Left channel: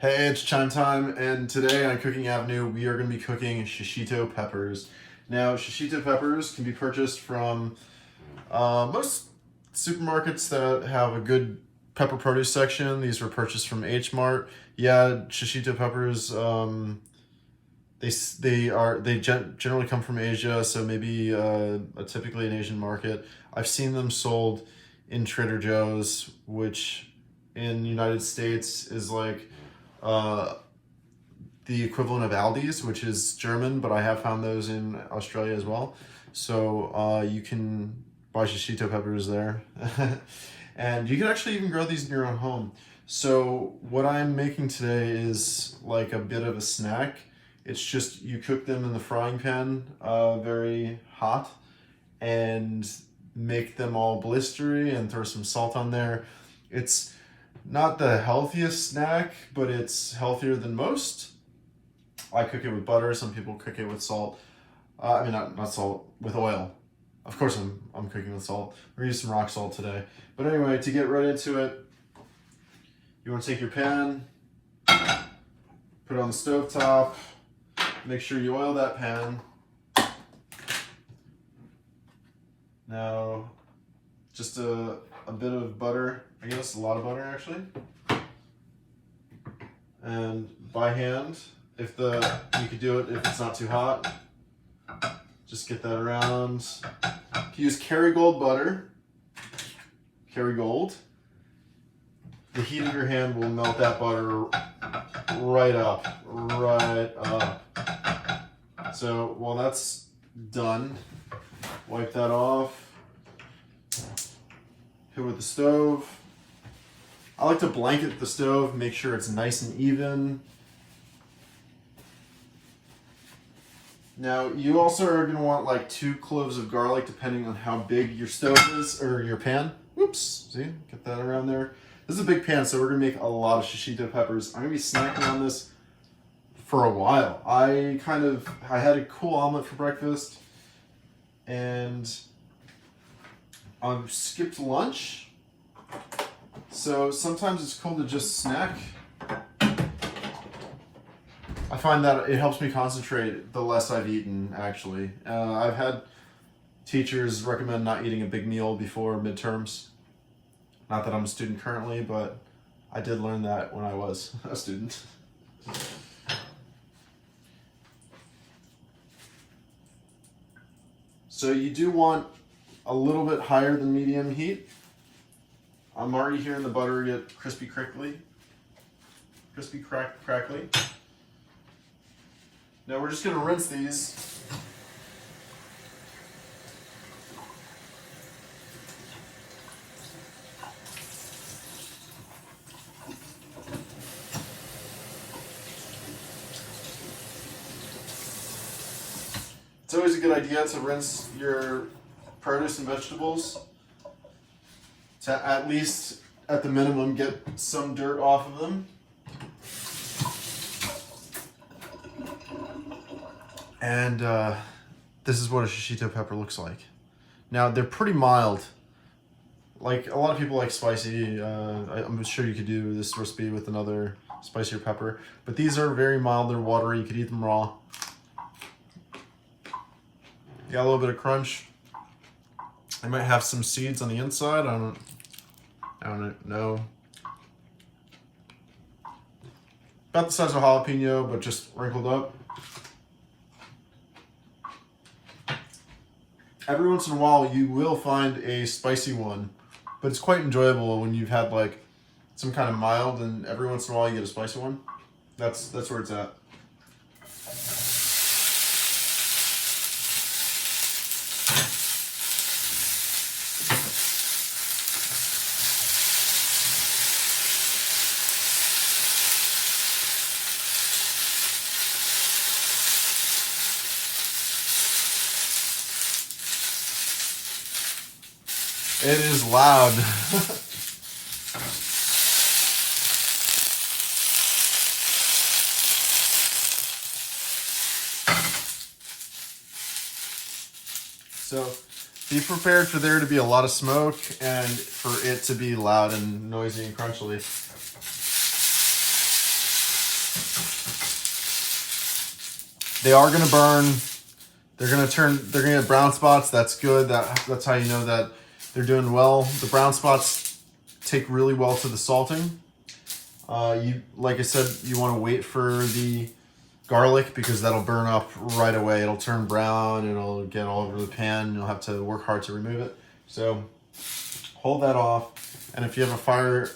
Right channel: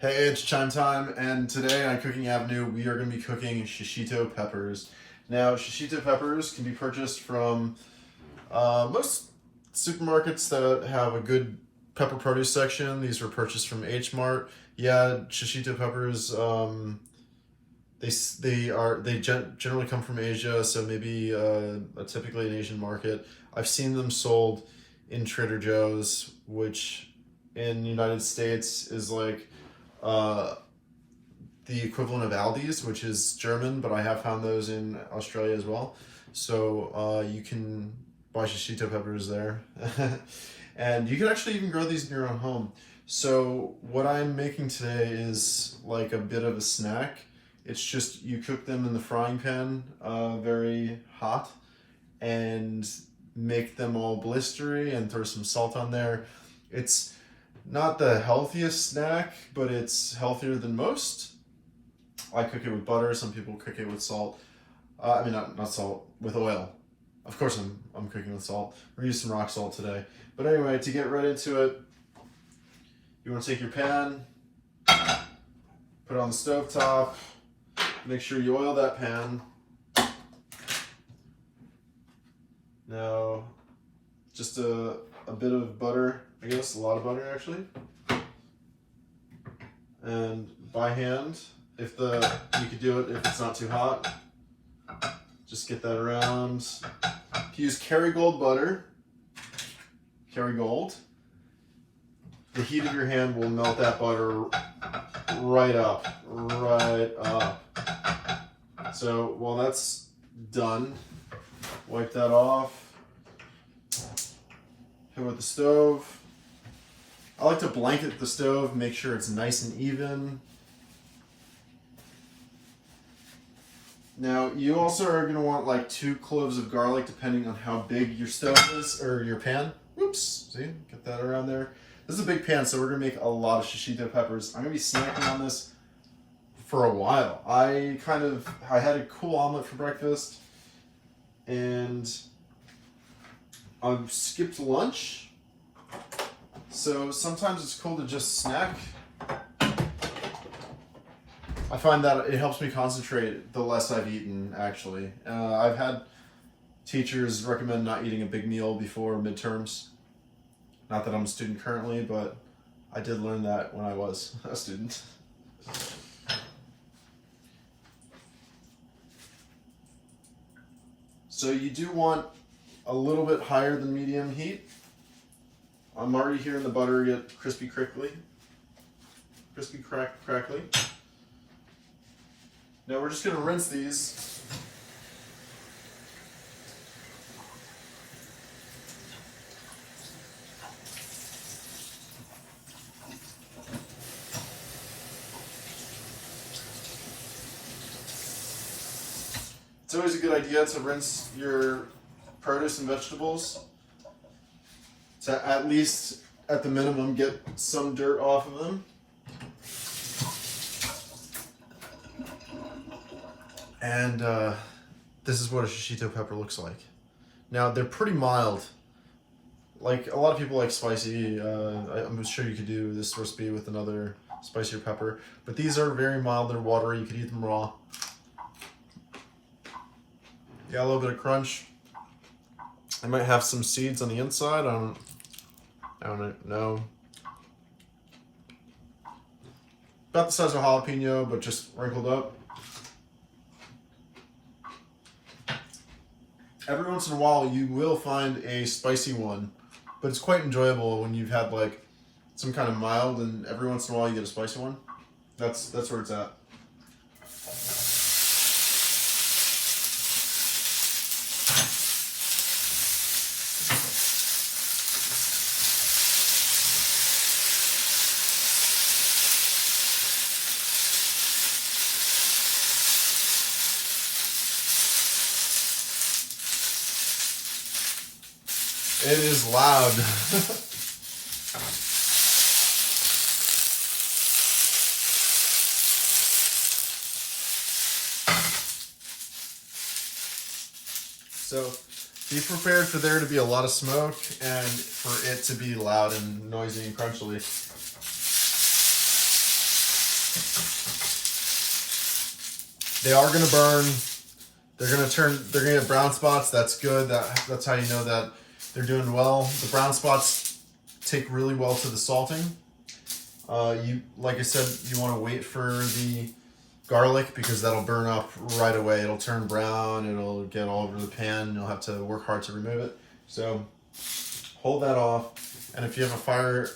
Hey, it's chime time, and today on Cooking Avenue, we are going to be cooking shishito peppers. Now, shishito peppers can be purchased from most supermarkets that have a good pepper produce section. These were purchased from H Mart. Yeah, shishito peppers, they generally come from Asia, so maybe typically an Asian market. I've seen them sold in Trader Joe's, which in the United States is like the equivalent of Aldi's, which is German, but I have found those in Australia as well. So you can buy shishito peppers there. And you can actually even grow these in your own home. So what I'm making today is like a bit of a snack. It's just you cook them in the frying pan, very hot, and make them all blistery and throw some salt on there. It's not the healthiest snack, but it's healthier than most. I cook it with butter. Some people cook it with salt. Not salt, with oil. Of course, I'm cooking with salt. We're gonna use some rock salt today. But anyway, to get right into it, you want to take your pan, put it on the stove top. Make sure you oil that pan. Now, just a bit of butter, I guess a lot of butter actually. And by hand, you could do it if it's not too hot. Just get that around. If you use Kerrygold butter, Kerrygold, the heat of your hand will melt that butter right up. So while that's done, wipe that off. Hit with the stove. I like to blanket the stove, make sure it's nice and even. Now, you also are going to want like 2 cloves of garlic, depending on how big your stove is, or your pan. Oops, see, get that around there. This is a big pan, so we're going to make a lot of shishito peppers. I'm going to be snacking on this for a while. I had a cool omelet for breakfast, and I've skipped lunch. So sometimes it's cool to just snack. I find that it helps me concentrate the less I've eaten, actually. I've had teachers recommend not eating a big meal before midterms. Not that I'm a student currently, but I did learn that when I was a student. So you do want a little bit higher than medium heat. I'm already hearing the butter get crispy crackly. Now we're just going to rinse these. It's always a good idea to rinse your produce and vegetables to at least, at the minimum, get some dirt off of them. And this is what a shishito pepper looks like. Now, they're pretty mild. Like, a lot of people like spicy. I'm sure you could do this recipe with another spicier pepper. But these are very mild and watery. You could eat them raw. Got a little bit of crunch. I might have some seeds on the inside. I don't know. About the size of a jalapeno, but just wrinkled up. Every once in a while, you will find a spicy one, but it's quite enjoyable when you've had like some kind of mild, and every once in a while you get a spicy one. That's where it's at. It is loud. So be prepared for there to be a lot of smoke and for it to be loud and noisy and crunchily. They are gonna burn. They're gonna get brown spots. That's good. That's how you know that they're doing well. The brown spots take really well to the salting. Like I said, you want to wait for the garlic because that'll burn up right away. It'll turn brown. It'll get all over the pan. And you'll have to work hard to remove it. So hold that off. And if you have a fire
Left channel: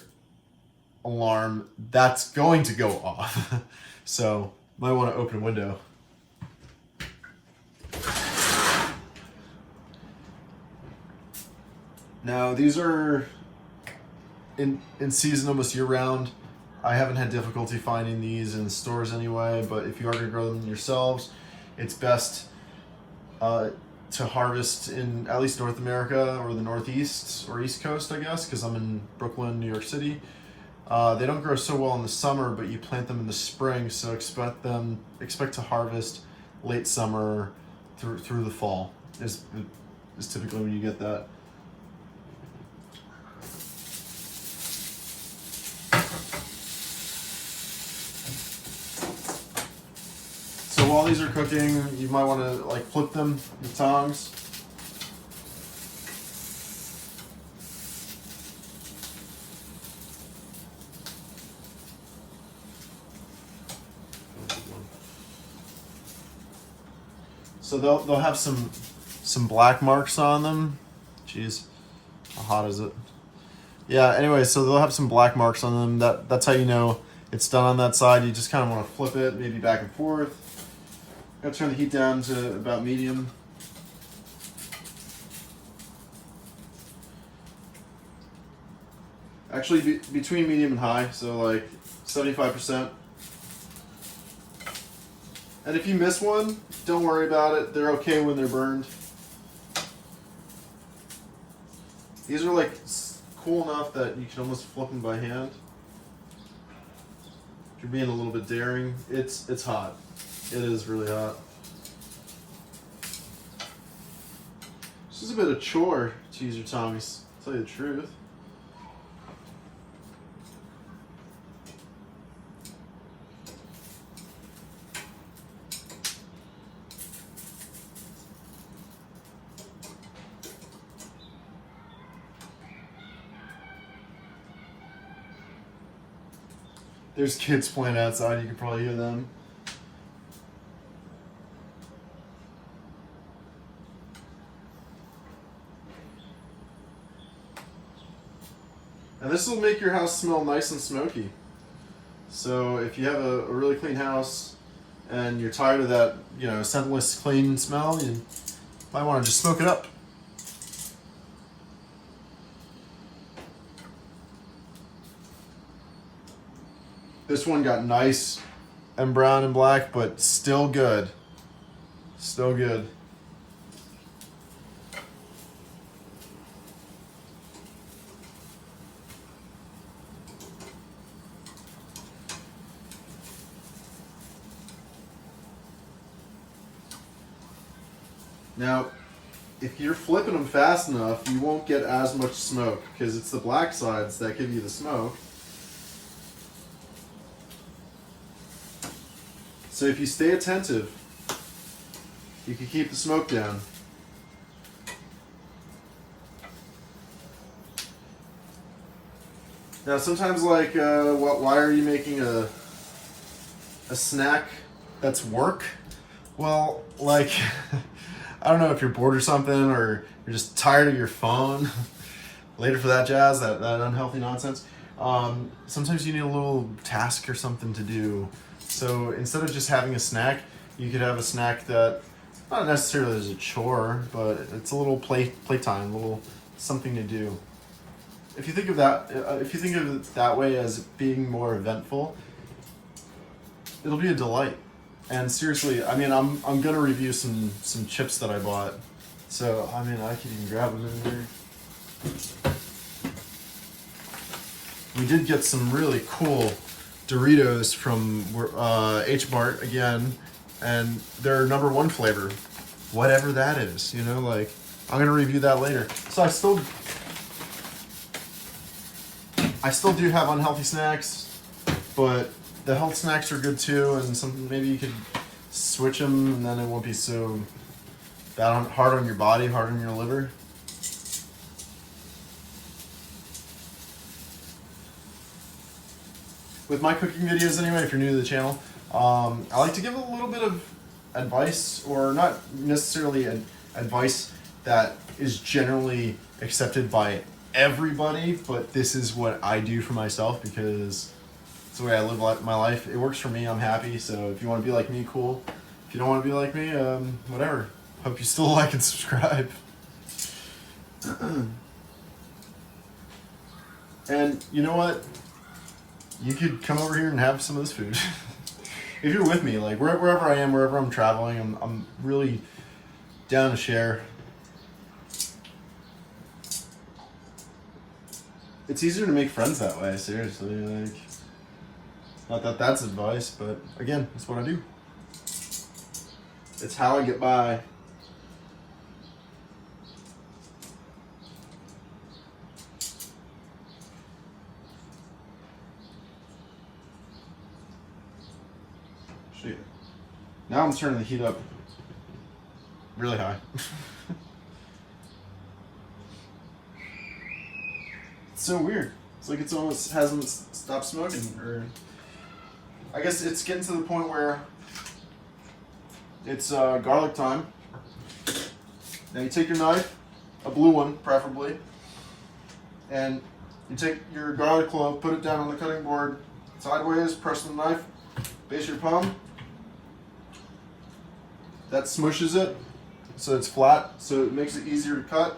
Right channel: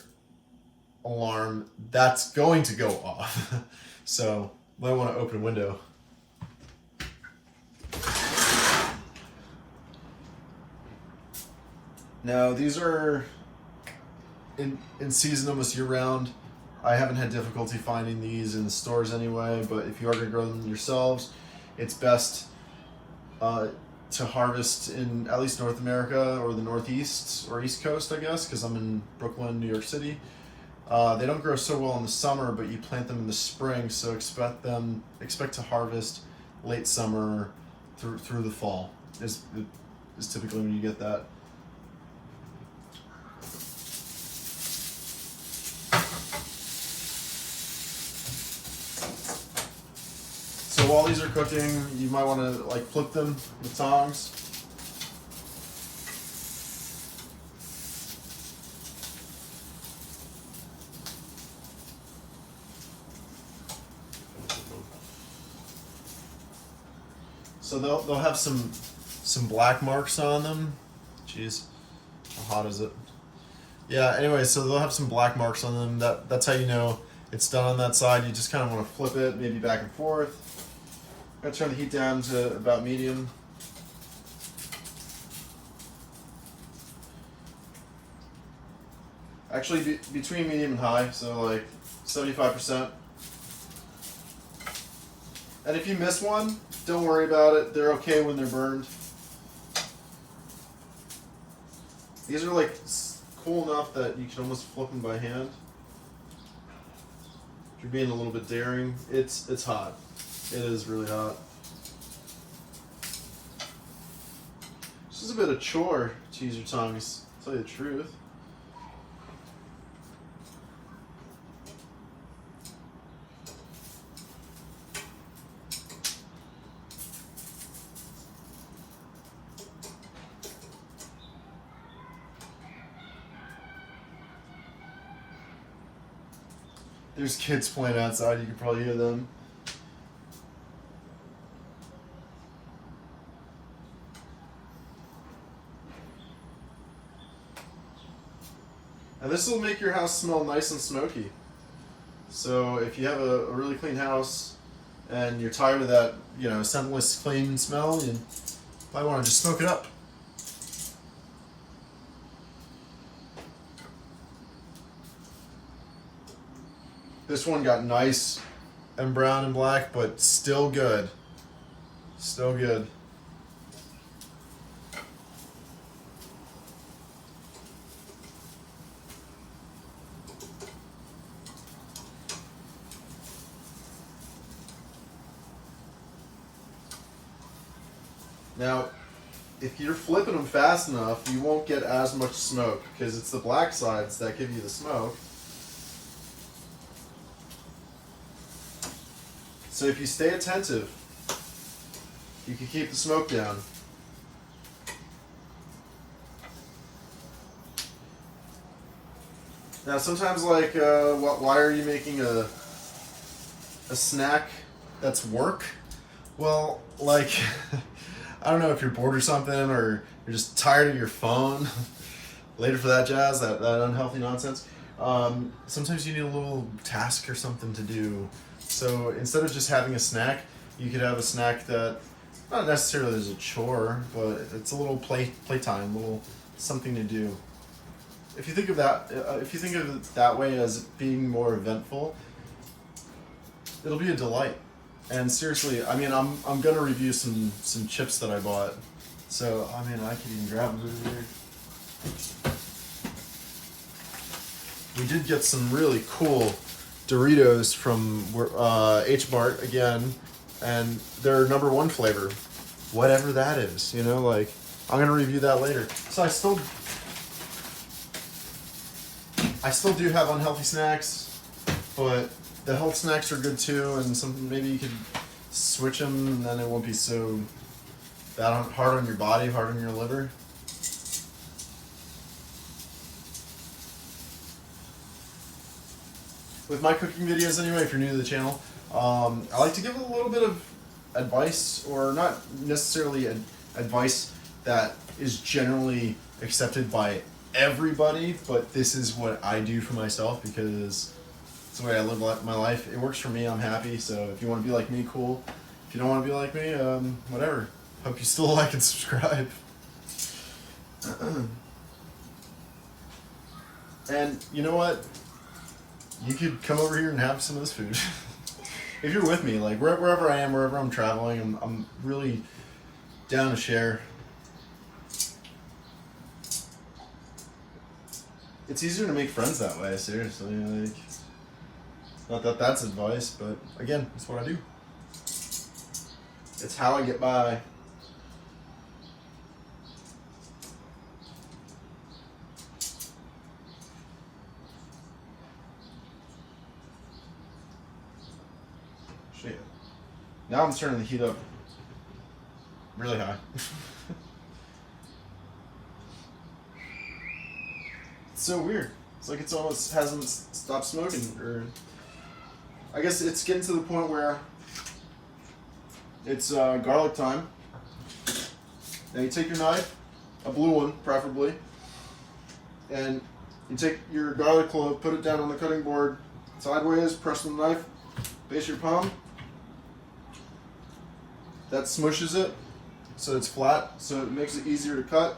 alarm, that's going to go off. So you might want to open a window. Now these are in season almost year round. I haven't had difficulty finding these in stores anyway, but if you are going to grow them yourselves, it's best to harvest in at least North America or the Northeast or East Coast, I guess, because I'm in Brooklyn, New York City. They don't grow so well in the summer, but you plant them in the spring, so expect to harvest late summer through the fall is typically when you get that. So while these are cooking, you might want to like flip them with tongs. So they'll have some black marks on them. Jeez, how hot is it? Yeah. Anyway, so they'll have some black marks on them. That's how you know it's done on that side. You just kind of want to flip it, maybe back and forth. I'm gonna turn the heat down to about medium. Actually, between medium and high, so like 75%. And if you miss one, don't worry about it. They're okay when they're burned. These are like cool enough that you can almost flip them by hand. If you're being a little bit daring, it's hot. It is really hot. This is a bit of a chore to use your tongs, to tell you the truth. There's kids playing outside, you can probably hear them. And this will make your house smell nice and smoky. So if you have a really clean house and you're tired of that, scentless clean smell, you might want to just smoke it up. This one got nice and brown and black, but still good. Still good. Now, if you're flipping them fast enough, you won't get as much smoke because it's the black sides that give you the smoke. So if you stay attentive, you can keep the smoke down. Now sometimes why are you making a snack that's work? Well, I don't know if you're bored or something, or you're just tired of your phone, later for that jazz, that unhealthy nonsense. Sometimes you need a little task or something to do. So instead of just having a snack, you could have a snack that not necessarily is a chore, but it's a little playtime, a little something to do. If you think of it that way as being more eventful, it'll be a delight. And seriously, I'm gonna review some chips that I bought. So I could even grab them in here. We did get some really cool Doritos from H-Mart again, and their #1 flavor, whatever that is. I'm gonna review that later. So I still do have unhealthy snacks, but the health snacks are good too, and maybe you could switch them, and then it won't be so hard on your body, hard on your liver. With my cooking videos anyway, if you're new to the channel, I like to give a little bit of advice, or not necessarily advice that is generally accepted by everybody, but this is what I do for myself because it's the way I live my life. It works for me, I'm happy, so if you want to be like me, cool. If you don't want to be like me, whatever. Hope you still like and subscribe. And you know what? You could come over here and have some of this food. If you're with me, like wherever I am, wherever I'm traveling, I'm really down to share. It's easier to make friends that way, seriously. Like, not that that's advice, but again, it's what I do. It's how I get by. Now I'm turning the heat up really high. It's so weird. It's like it's almost hasn't stopped smoking, or I guess it's getting to the point where it's garlic time. Now you take your knife, a blue one preferably, and you take your garlic clove, put it down on the cutting board sideways, press the knife, base your palm. That smushes it so it's flat, so it makes it easier to cut.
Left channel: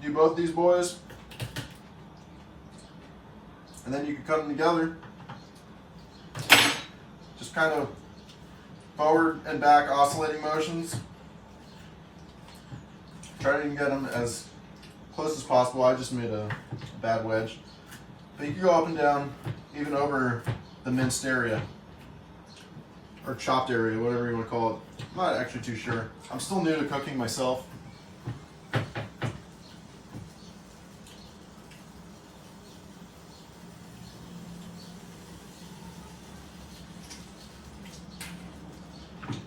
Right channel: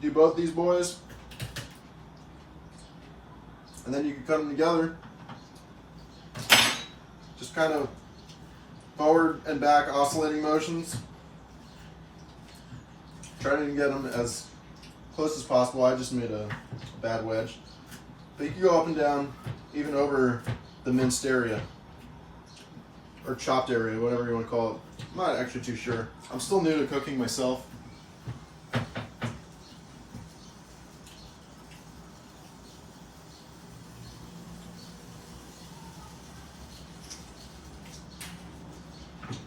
Do both these boys, and then you can cut them together. Just kind of forward and back oscillating motions. Try to get them as close as possible. I just made a bad wedge. But you can go up and down, even over the minced area. Or chopped area, whatever you want to call it. I'm not actually too sure. I'm still new to cooking myself.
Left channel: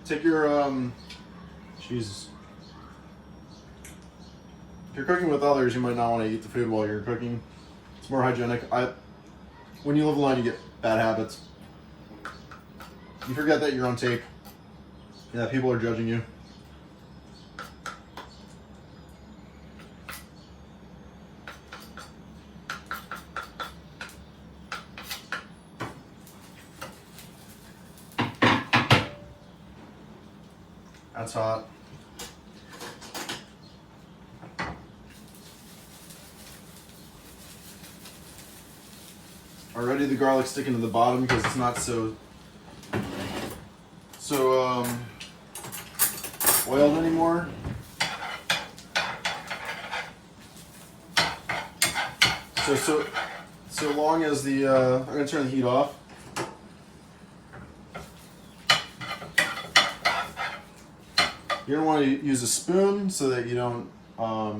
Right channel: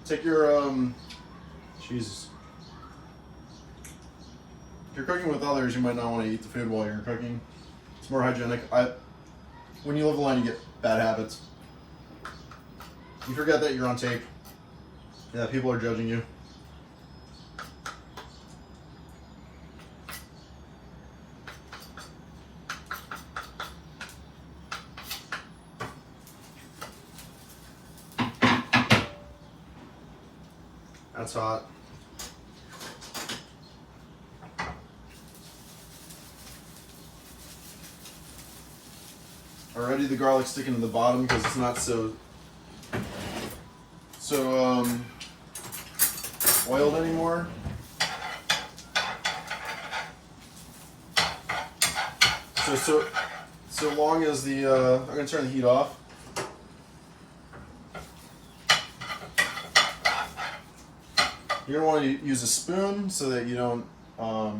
Take your, Jesus. If you're cooking with others, you might not want to eat the food while you're cooking. It's more hygienic. When you live alone, you get bad habits. You forget that you're on tape and that people are judging you. That's hot. Already the garlic's sticking to the bottom because it's not so oiled anymore. So long as the I'm gonna turn the heat off. You're gonna want to use a spoon so that you don't I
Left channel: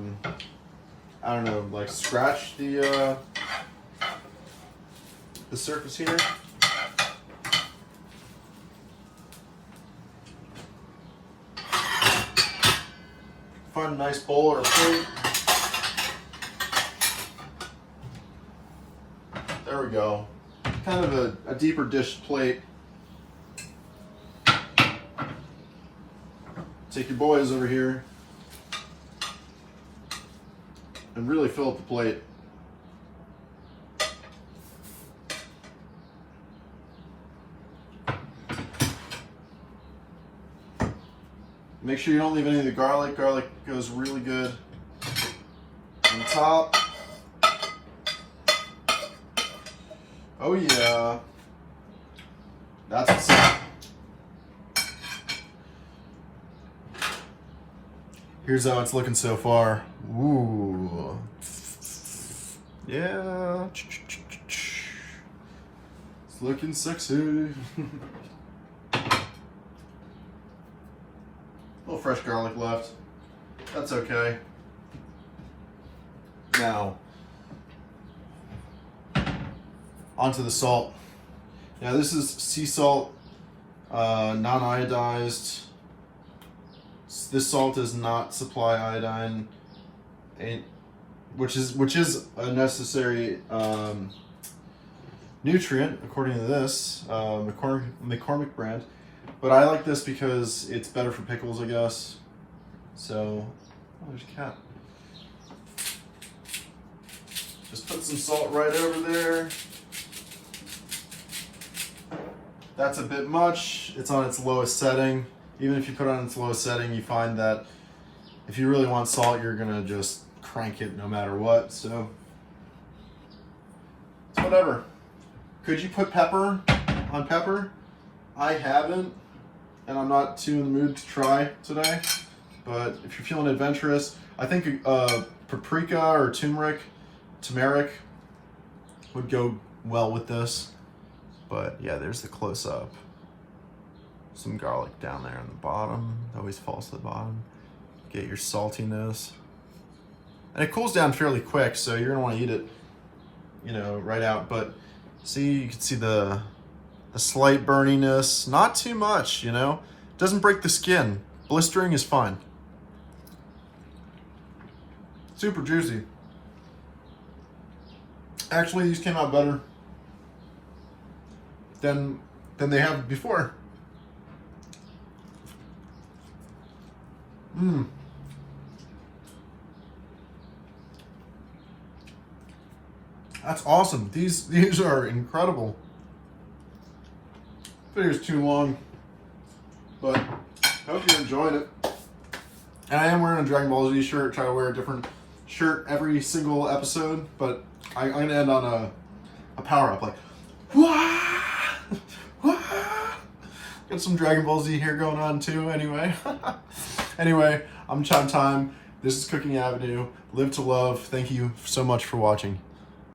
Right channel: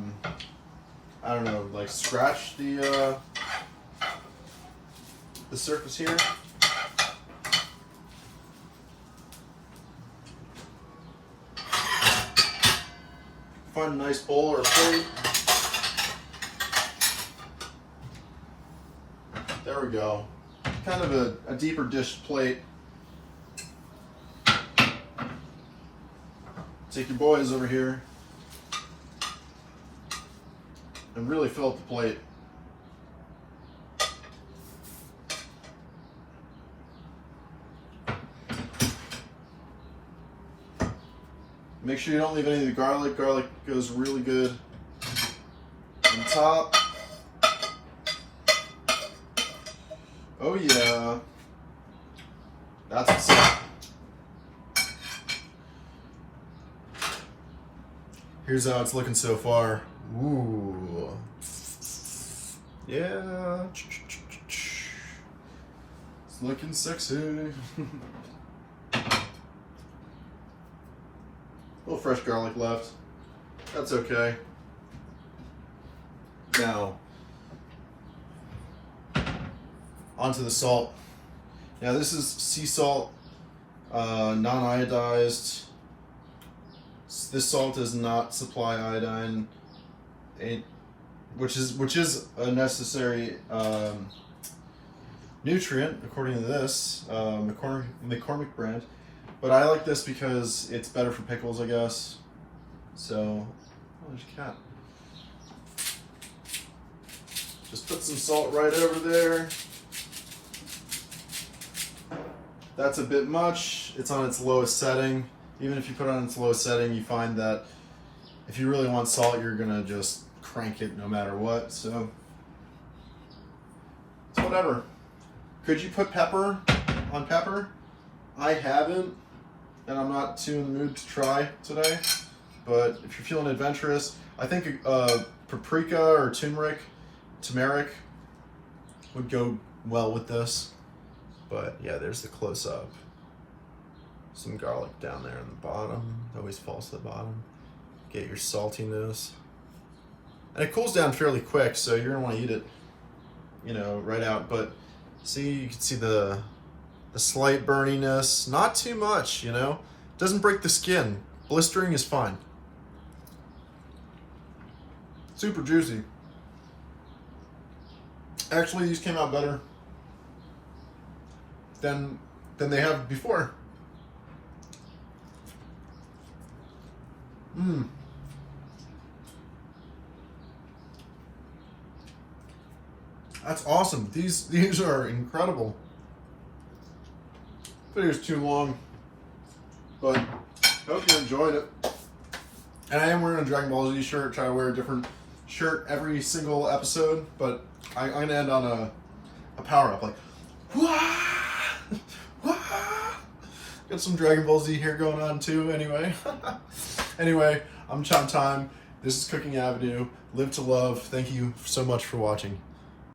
don't know, like scratch the surface here. Find a nice bowl or a plate. There we go. Kind of a deeper dish plate. Take your boys over here and really fill up the plate. Make sure you don't leave any of the garlic. Garlic goes really good on top. Oh yeah. That's what's up. Here's how it's looking so far. Ooh. Yeah. It's looking sexy. A little fresh garlic left. That's okay. Now, onto the salt. Yeah, this is sea salt, non-iodized. This salt does not supply iodine, which is a necessary nutrient according to this McCormick brand. But I like this because it's better for pickles, I guess. So, oh, there's a cat. Just put some salt right over there. That's a bit much. It's on its lowest setting. Even if you put it on its lowest setting, you find that if you really want salt, you're gonna just crank it no matter what. So it's whatever. Could you put pepper on pepper? I haven't, and I'm not too in the mood to try today. But if you're feeling adventurous, I think paprika or turmeric would go well with this. But yeah, there's the close-up. Some garlic down there on the bottom. It always falls to the bottom. Get your saltiness. And it cools down fairly quick, so you're gonna wanna eat it, you know, right out. But see, you can see the slight burniness. Not too much, you know? Doesn't break the skin. Blistering is fine. Super juicy. Actually, these came out better than they have before. That's awesome. These are incredible. Video's too long, but hope you enjoyed it. And I am wearing a Dragon Ball Z shirt. Try to wear a different shirt every single episode, but I'm gonna end on a power up, like wah! Got some Dragon Ball Z here going on too. Anyway, I'm Chan Time. This is Cooking Avenue. Live to love. Thank you so much for watching.